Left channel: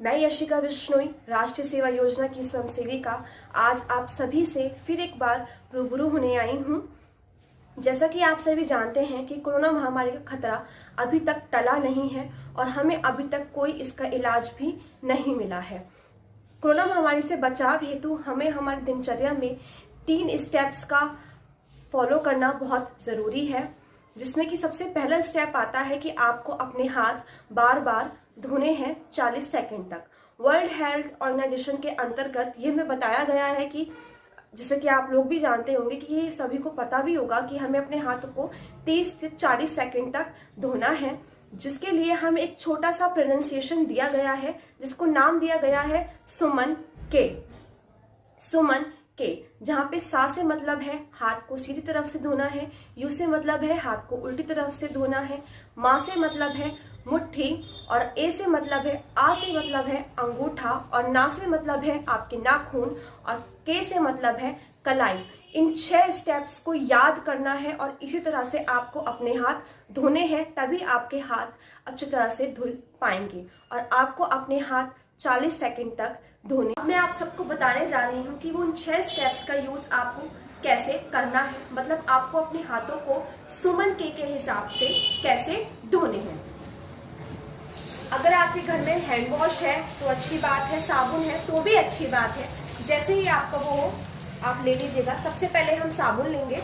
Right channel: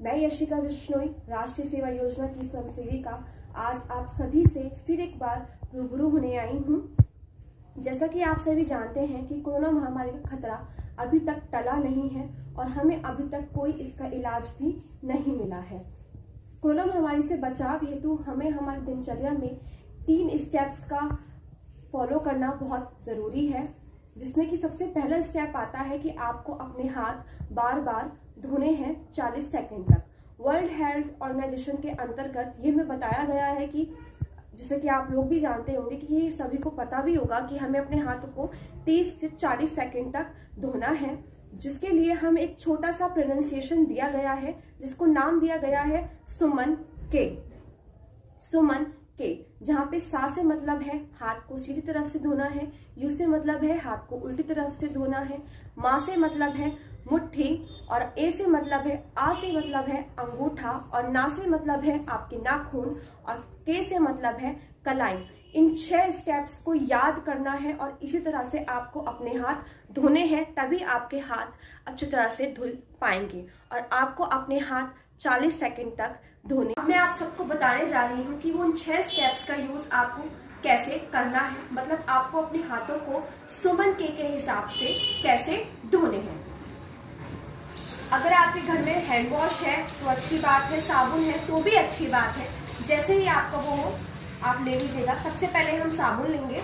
मैं यशिका बिश्नोई, राष्ट्रीय सेवा योजना की स्वयंसेविका, आज आप सभी से फिर एक बार रूबरू होने आई हूँ। जैसा कि आप सभी जानते हैं कि कोरोना महामारी का खतरा अभी तक टला नहीं है और हमें अभी तक कोई इसका इलाज भी नहीं मिला है। कोरोना महामारी से बचाव हेतु हमें हमारी दिनचर्या में 3 स्टेप्स का फॉलो करना बहुत ज़रूरी है, जिसमें कि सबसे पहला स्टेप आता है कि आपको अपने हाथ बार बार धोने हैं 40 सेकंड तक। वर्ल्ड हेल्थ ऑर्गेनाइजेशन के अंतर्गत ये हमें बताया गया है कि जैसे कि आप लोग भी जानते होंगे कि ये सभी को पता भी होगा कि हमें अपने हाथों को 30 से 40 सेकंड तक धोना है, जिसके लिए हमें एक छोटा सा प्रोनाउंसिएशन दिया गया है, जिसको नाम दिया गया है सुमन के। सुमन के, जहाँ पे सा से मतलब है हाथ को सीधी तरफ से धोना है, यू से मतलब है हाथ को उल्टी तरफ से धोना है, मा से मतलब है मुट्ठी, और ए से मतलब है, आ से मतलब है अंगूठा, और ना से मतलब है आपके नाखून, और के से मतलब है कलाई। इन 6 स्टेप्स को याद करना है और इसी तरह से आपको अपने हाथ धोने हैं, तभी आपके हाथ अच्छी तरह से धुल पाएंगे और आपको अपने हाथ 40 सेकंड तक धोने। मैं आप सबको बताने जा रही हूँ कि वो उन 6 स्टेप्स का यूज आपको कैसे करना है, मतलब आपको अपने हाथों को सुमन के हिसाब से कैसे धोने हैं। अगर आपके घर में हैंड वॉश है तो अच्छी बात है, साबुन है तो भी अच्छी बात है। जैसे ही आपका वो हो आप ले लीजिएगा। सबसे पहले हम साबुन लेंगे।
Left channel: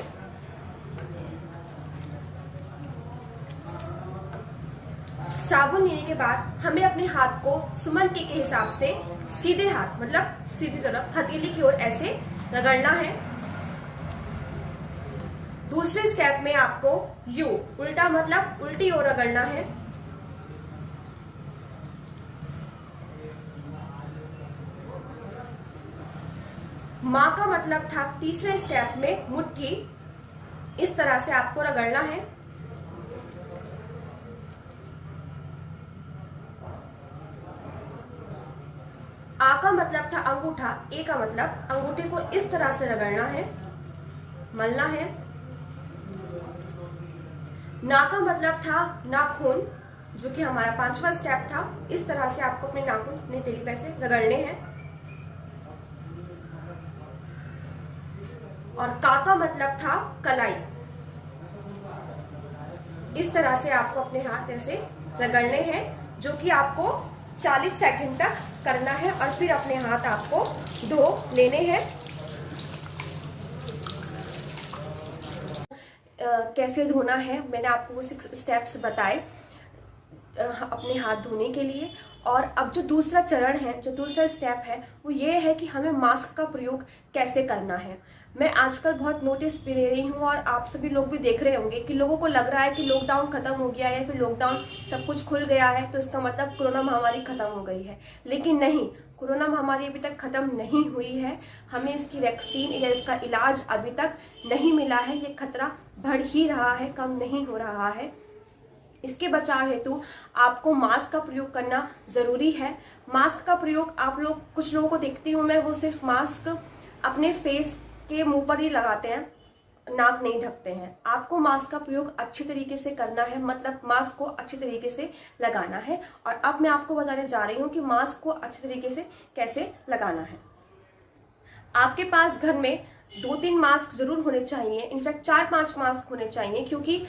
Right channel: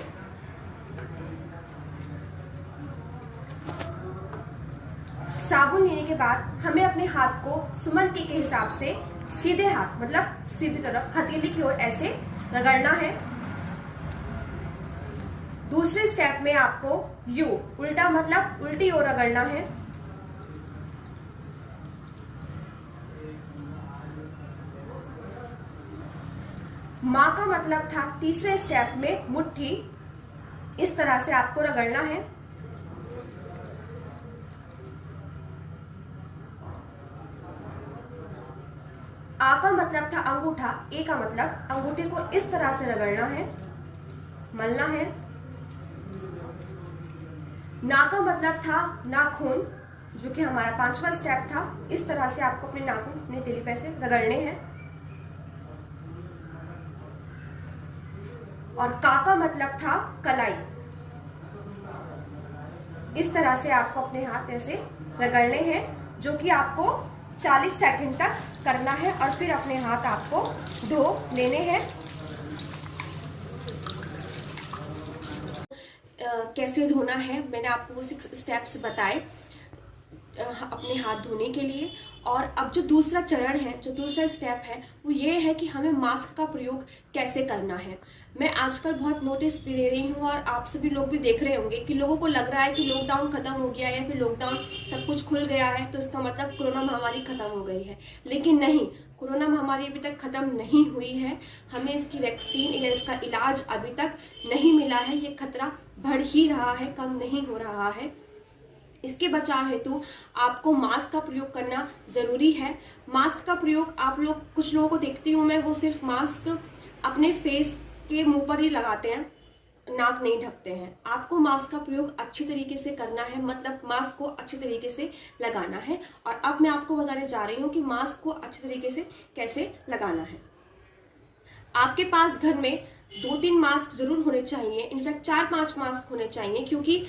साबुन लेने के बाद हमें अपने हाथ को सुमन के हिसाब से सीधे हाथ, मतलब सीधी तरफ हथेली की ओर ऐसे रगड़ना है। दूसरे स्टेप में आपको यू, उल्टा मतलब उल्टी ओर रगड़ना है। माँ का मतलब था तीसरे स्टेप में मुट्ठी, इस तरह से आपको रगड़ना है। आ का मतलब था अंगूठा, ए का मतलब अंगूठे को इस तरह से रगड़ना है, मलना है। ना का मतलब था नाखून, जो कि हमारा 5वां स्टेप था। इस तरह से आपको अपने नाखून अपने हथेली पे से रगड़ने हैं। और का मतलब था कलाई, इस तरह से आपको अपने हाथ ऐसे रगड़ने हैं, जो कि आपको 40 सेकंड तक करना है और फिर अपने हाथ आपको धो लेने हैं। कैसे धोना है मैंने आपको वो 6 स्टेप्स बताए अपने हाथ धोने के लिए। और अब जो दूसरा चरण है, जो दूसरा स्टेप है, वो ये है कि हमें मास्क का प्रयोग कैसे करना है। मैं आजकल बहुत नोटिस भी ले रही हूँ और आप सभी लोग भी देख रहे होंगे कि लोगों को लग रहा है कि लॉकडाउन खत्म हो गया या फिर लॉकडाउन सब कुछ खुल गया है तो इसका मतलब कोरोना महामारी खत्म हो गई है। लेकिन नहीं, कोरोना महामारी अभी तक खत्म नहीं हुई है। हमें इसकी वैक्सीन या इसका इलाज अभी तक नहीं मिला है। ये खतरा बढ़ ही रहा है, कम नहीं हो रहा है। इसके बचाव हेतु आपको मास्क का प्रयोग करना जरूरी है। मास्क का प्रयोग आप लोग, कुछ लोगों को देखती हूँ मैं, वो सिर्फ मास्क अपने फेस के मुंह पर ही लगाते हैं, नाक नहीं ढकते हैं। आपको मास्क का प्रयोग अच्छी तरीके से करना है, मतलब मास्क को अच्छी तरीके से लगाना है। और अब मैं आपको बताने जा रही हूँ कि मास्क को अच्छी तरीके से कैसे लगाना है। आपके पास घर में 2-3 मास्क जरूर होने चाहिए, इनफैक्ट 4-5 मास्क होने चाहिए, क्योंकि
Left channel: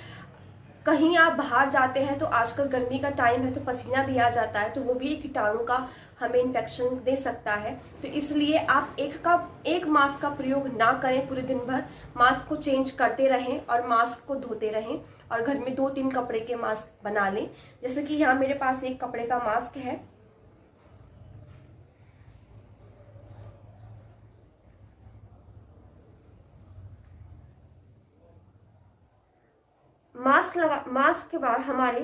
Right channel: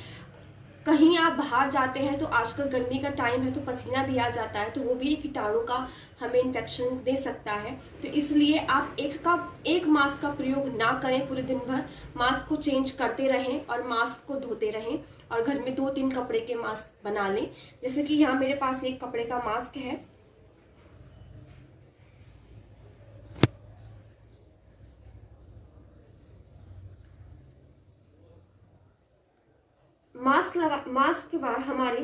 कहीं आप बाहर जाते हैं तो आजकल गर्मी का टाइम है तो पसीना भी आ जाता है, तो वो भी एक कीटाणु का हमें इन्फेक्शन दे सकता है। तो इसलिए आप एक मास्क का प्रयोग ना करें पूरे दिन भर। मास्क को चेंज करते रहें और मास्क को धोते रहें और घर में 2-3 कपड़े के मास्क बना लें। जैसे कि यहाँ मेरे पास एक कपड़े का मास्क है। मास्क के बाद हमारे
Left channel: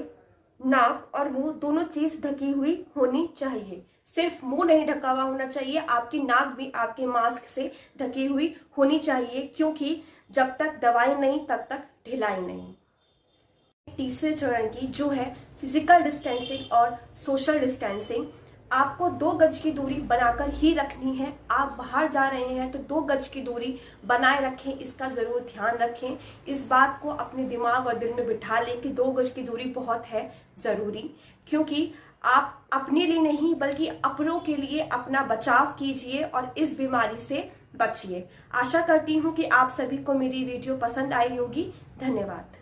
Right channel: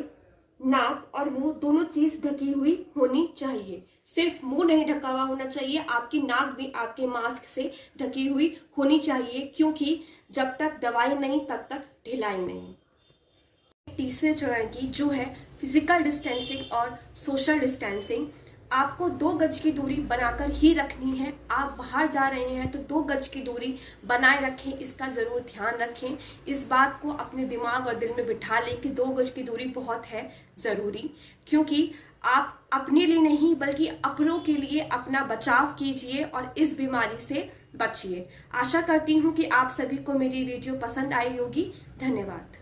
नाक और मुंह दोनों चीज ढकी हुई होनी चाहिए। सिर्फ मुंह नहीं ढका हुआ होना चाहिए, आपकी नाक भी आपके मास्क से ढकी हुई होनी चाहिए, क्योंकि जब तक दवाई नहीं तब तक ढिलाई नहीं। तीसरे चरण की जो है फिजिकल डिस्टेंसिंग और सोशल डिस्टेंसिंग, आपको 2 गज की दूरी बनाकर ही रखनी है। आप बाहर जा रहे हैं तो 2 गज की दूरी बनाए रखें, इसका जरूर ध्यान रखें। इस बात को अपने दिमाग और दिल में बिठा लें कि 2 गज की दूरी बहुत है जरूरी, क्योंकि आप अपने लिए नहीं बल्कि अपनों के लिए अपना बचाव कीजिए और इस बीमारी से बचिए। आशा करती हूँ कि आप सभी को मेरी वीडियो पसंद आई होगी। धन्यवाद।